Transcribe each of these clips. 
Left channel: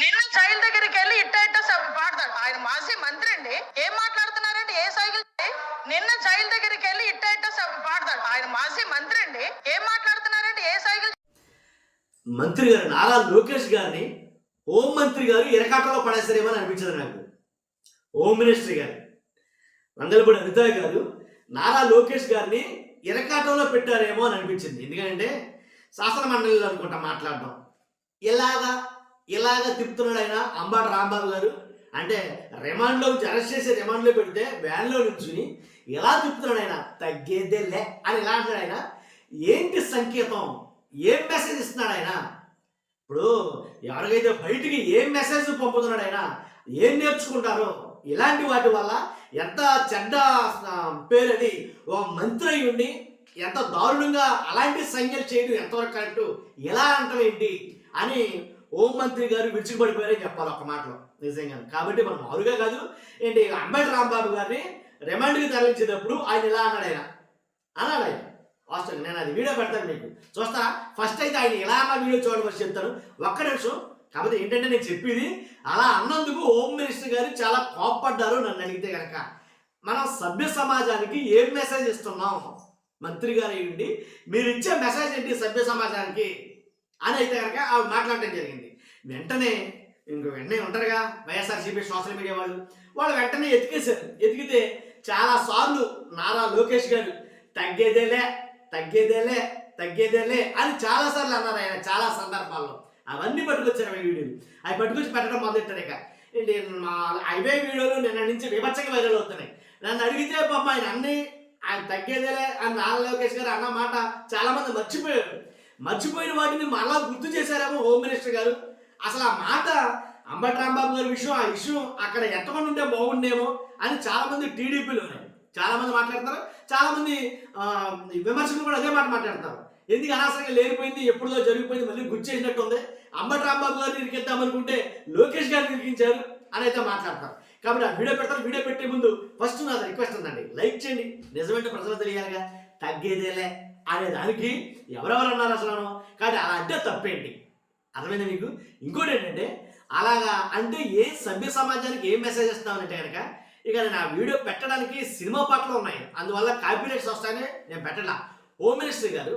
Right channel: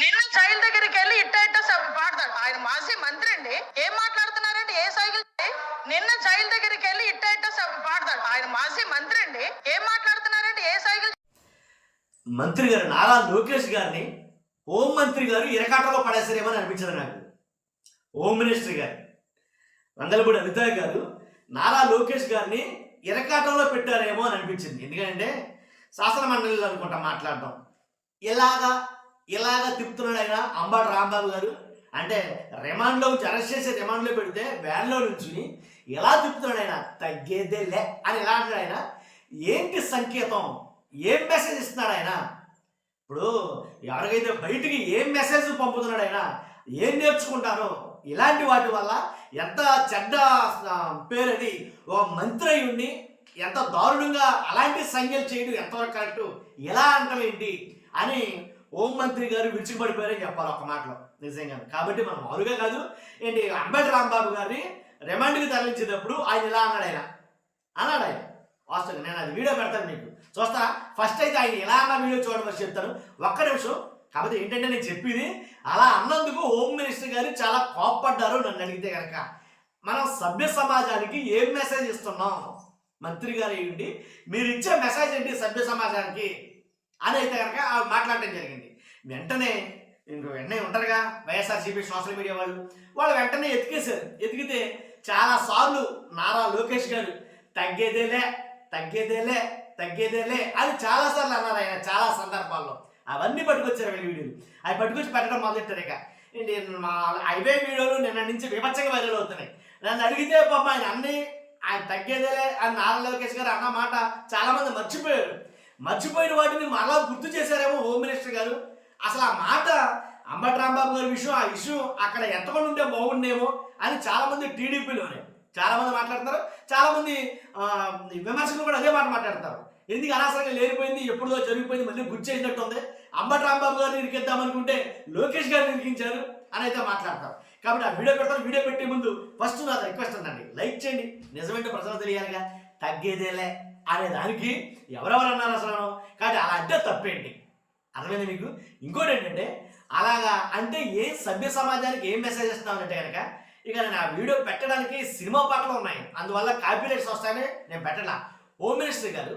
నిన్న జైలు దగ్గరికి వెళ్ళి ఇట్ట ఇట్ట పాడతాడు. ఆయన మాజీ మంత్రి అండి. ఏం మాట్లాడుతున్నారండి? ఏ సైకిల్? నిన్న జైలు దగ్గరికి వెళ్ళి ఇట్ట ఇట్ట పాడతాడు. ఆయన మాజీ మంత్రి అండి. ఏం మాట్లాడుతున్నారండి? ఏ సైకిల్? మంత్రి గారు నారా లోకేష్ గారిని హోం మంత్రి గారు ఇరకాటంలో పడేస్తారేమో అని అనిపించదు నాకు. హోమ్ మినిస్టర్ గారు వంగలపూడి అనిత గారు నారా లోకేష్ గారిని ఇరకాటంలో పెట్టారేమో అని అనిపించింది. ఎందుకంటే శాసన మండలిలో అనుకుంటా మాట్లాడడం ఇలాగా తిప్పుతున్నాడు ఆయన. అంబటి రాంబాబు గారు అంటే రిమాండ్లో నుంచి అరెస్ట్ చేసి రిమాండ్లో పెడితే వ్యాన్లో నుంచి ఎలా తిప్పుతున్నాడు ఆయన. తగ్గేదేలే అని ఎలా అంటున్నాడు ఆయన. ఏంటి సంకేతం? ఏం మెసేజ్ ఇస్తున్నాడు ఆయన? ఇప్పుడు ఎవరికైతే బయటికి ఏం మెసేజ్ పంపుతున్నాడు ఆయన, ఏం నేర్చుకుంటారో ఇలాంటి వాటి వల్ల ఎంత చెడ్డ పేరది ఒక మంత్రి అయి ఉండి ఎంత దారుణంగా అలాంటి సంఖ్యలు చేయడం ఎంతవరకు కరెక్టు, ఎలా అంటాం ఏంటి అని హోంమంత్రి గారు విరుచుకుపడిపోయారని చెప్పాలి ఒక మాటలో నిజంగా. కాబట్టి మనం మారుగా కాదు ఏంటి అంబటి రాంబాబు గారిని రిమాండ్కి తరలించేటప్పుడు ఆయన ఇలా అన్నాడు ఆయన వాస్తవంగా. నేను అది వీడియో పెడతాను మీకు చూస్తారా. ఫస్ట్ అయితే ఆయన ఎలా అన్న వీడియో చూడమని చెప్తాను ఒక్క నిమిషం. కాకపోతే ఏంటంటే నేను చెప్పేది అలా అన్నందుకు హోమ్ మినిస్టర్ గారు చాలా కోప్పడ్డారు. నన్ను అడిగితే కనుక మనం సభ్య సమాజానికి ఏం మెసేజ్ ఇస్తున్నాం? మంత్రి గారు అయ్యండి మీరు ఇచ్చే మెసేజ్ ఏంటి సభ్య సమాజానికి అని అయితే కనుక అవి మాట్లాడటం జరిగింది. వెంటనే ఉంటారుగా వైఎస్ఆర్సీపీ సోషల్ మీడియా వాళ్ళు వెంటనే ఎతికేశారు. ఎతికితే చాలాసార్లు నారా లోకేష్ గారు తగ్గేదేలే అని చాలాసార్లు అన్నారు ఆయన చాలా సందర్భాల్లో. అవన్నీ పట్టుకొచ్చారు వీడియోలు. అవి పట్టుకొచ్చి పెట్టడం మొదలెట్టారు. ఇక ఏంటి మా అవే వీడియోలు నిన్న నుంచి విపచ్చంగా వైరల్ అవుతున్నాయి. నన్ను అడిగితే పాపం ఆయన తగ్గేదేలే అని నారా లోకేష్ గారు అన్న మాట చాలామంది మర్చిపోయిన వాటిని మళ్ళా గుర్తు చేశారేమో హోమ్ మినిస్టర్ గారు. అసలు ఆ మాట అంబటి రాంబాబు గారి విషయం, ఆ ఇష్యూ అక్కడ ఎత్తకుండా ఉంటే బాగుండేమో అని చాలామంది టీడీపీలోనే చాలామంది మాట్లాడుతున్నారు. చాలామంది విమర్శకులు కూడా అదే మాట మాట్లాడతారు. ఎందుకు అనవసరంగా లేనిపోయింది, ఎప్పుడుదో జరిగిపోయింది, మళ్ళీ గుర్తు చేసినట్టు ఉంది. అంబటి రాంబాబు గారిని ఇరికిద్దామనుకుంటే లోకేష్ గారిని ఇరికించారు అని అయితే మాట్లాడతారు. కాబట్టి ఆ వీడియో పెడతారు. వీడియో పెట్టే ముందు ఫస్ట్ నాది రిక్వెస్ట్ ఉందండి, లైక్ చేయండి. నిజమంటే ప్రజలు తెలియాలిగా. తగ్గేదేలే అనే దానికి ఎవరెవరు అన్నారు అసలు. కాబట్టి అలా అంటే తప్పేంటి? అర్థమైంది మీకు? ఇంకోటి ఏంటంటే అలాగా అంటే ఏ సభ్య సమాజానికి ఏం మెసేజ్ ఇస్తామనంటే కనుక ఇక నేను ఆ వీడియో పెట్టడానికి సినిమా పాటలు ఉన్నాయి, అందువల్ల కాపీరైట్స్ వస్తాయని నేను పెట్టలా. హోమ్ మినిస్టర్ గారు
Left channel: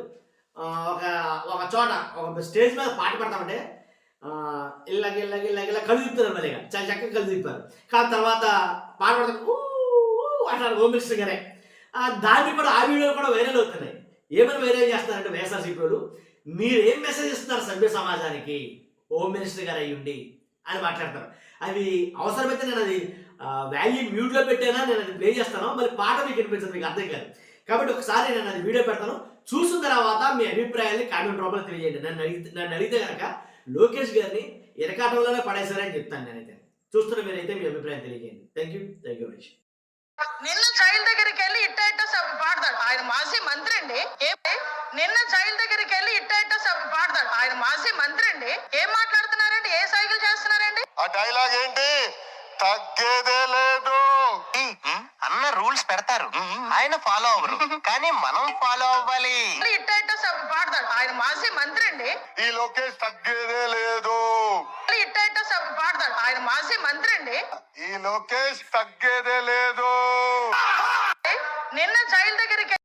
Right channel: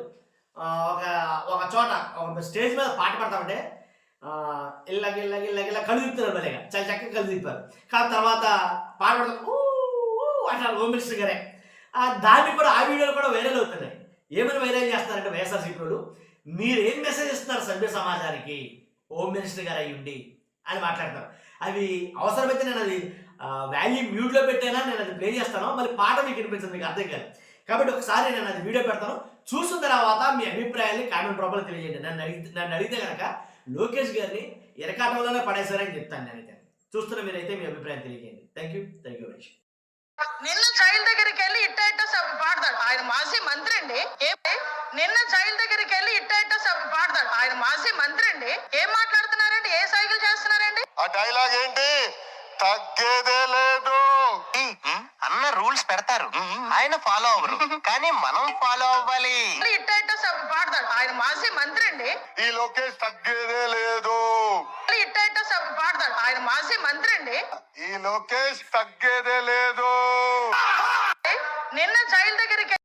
ఒక చోట ఒక స్టేజ్ మీద పాట పడతామంటే ఇళ్ళ కళ్ళు తిప్పుతున్నారు. మళ్ళీ చాలా చక్కగా కళ్ళు తిప్పారు. కానీ తర్వాత పాట పడతారు అంటారు హోమ్ మినిస్టర్ గారే. దాన్ని కూడా ఆ వీడియోలు కూడా వైరల్ అవుతున్నాయి. ఏమైనా వైరల్ చేస్తున్నారంటే వైఎస్ఆర్సీపీ వాళ్ళు మీరు ఏం మెసేజ్ ఇస్తున్నారు సభ్య సమాజానికి హోమ్ మినిస్టర్ గారు అయ్యుండి అని మాట్లాడతారు. అవి అవసరమైతే నేను అది వాల్యూ మ్యూట్లో పెట్టైనా నేను అది ప్లే చేస్తాను. మళ్ళీ పాట మీకు వినిపించదు, మీకు అర్థం కాదు. కాబట్టి ఒకసారి నేను అది వీడియో పెడతాను. చూసిన తర్వాత మీ అభిప్రాయాన్ని కామెంట్ రూపంలో తెలియజేయండి. నన్ను అడిగితే కనుక లోకేష్ గారిని ఇరకాటంలోనే పడేశారని చెప్తాను నేనైతే. చూస్తున్న మీరైతే మీ అభిప్రాయం తెలియజేయండి. Thank you very much. నిన్న జైలు దగ్గరికి వెళ్ళి ఇట్ట ఇట్ట పాడతాడు. ఆయన మాజీ మంత్రి అండి. నిన్న జైలు దగ్గరికి వెళ్ళి ఇట్ట ఇట్ట పాడతాడు. ఆయన మాజీ మంత్రి అండి. ఏం మాట్లాడుతున్నారండి? ఏ సైకిల్ చేస్తున్నారండి? ఆ డైలాగ్ ఏంటి? తగ్గేదే లేదు అన్న రూల్స్ పెడతారు, ఆయన ఫాలో అవ్వరు, కానీ మనం ఫాలో అవ్వాలి. ఇట్ట ఇట్ట పాడతాడు. ఆయన మాజీ మంత్రి అండి. ఈ లోకేష్ తగ్గేదే లేదు. ఇట్ట ఇట్ట పాడతాడు. ఆయన మాజీ మంత్రి అండి. ఈ లోకేష్ తగ్గేదే లేదు. నిన్న జైలు దగ్గరికి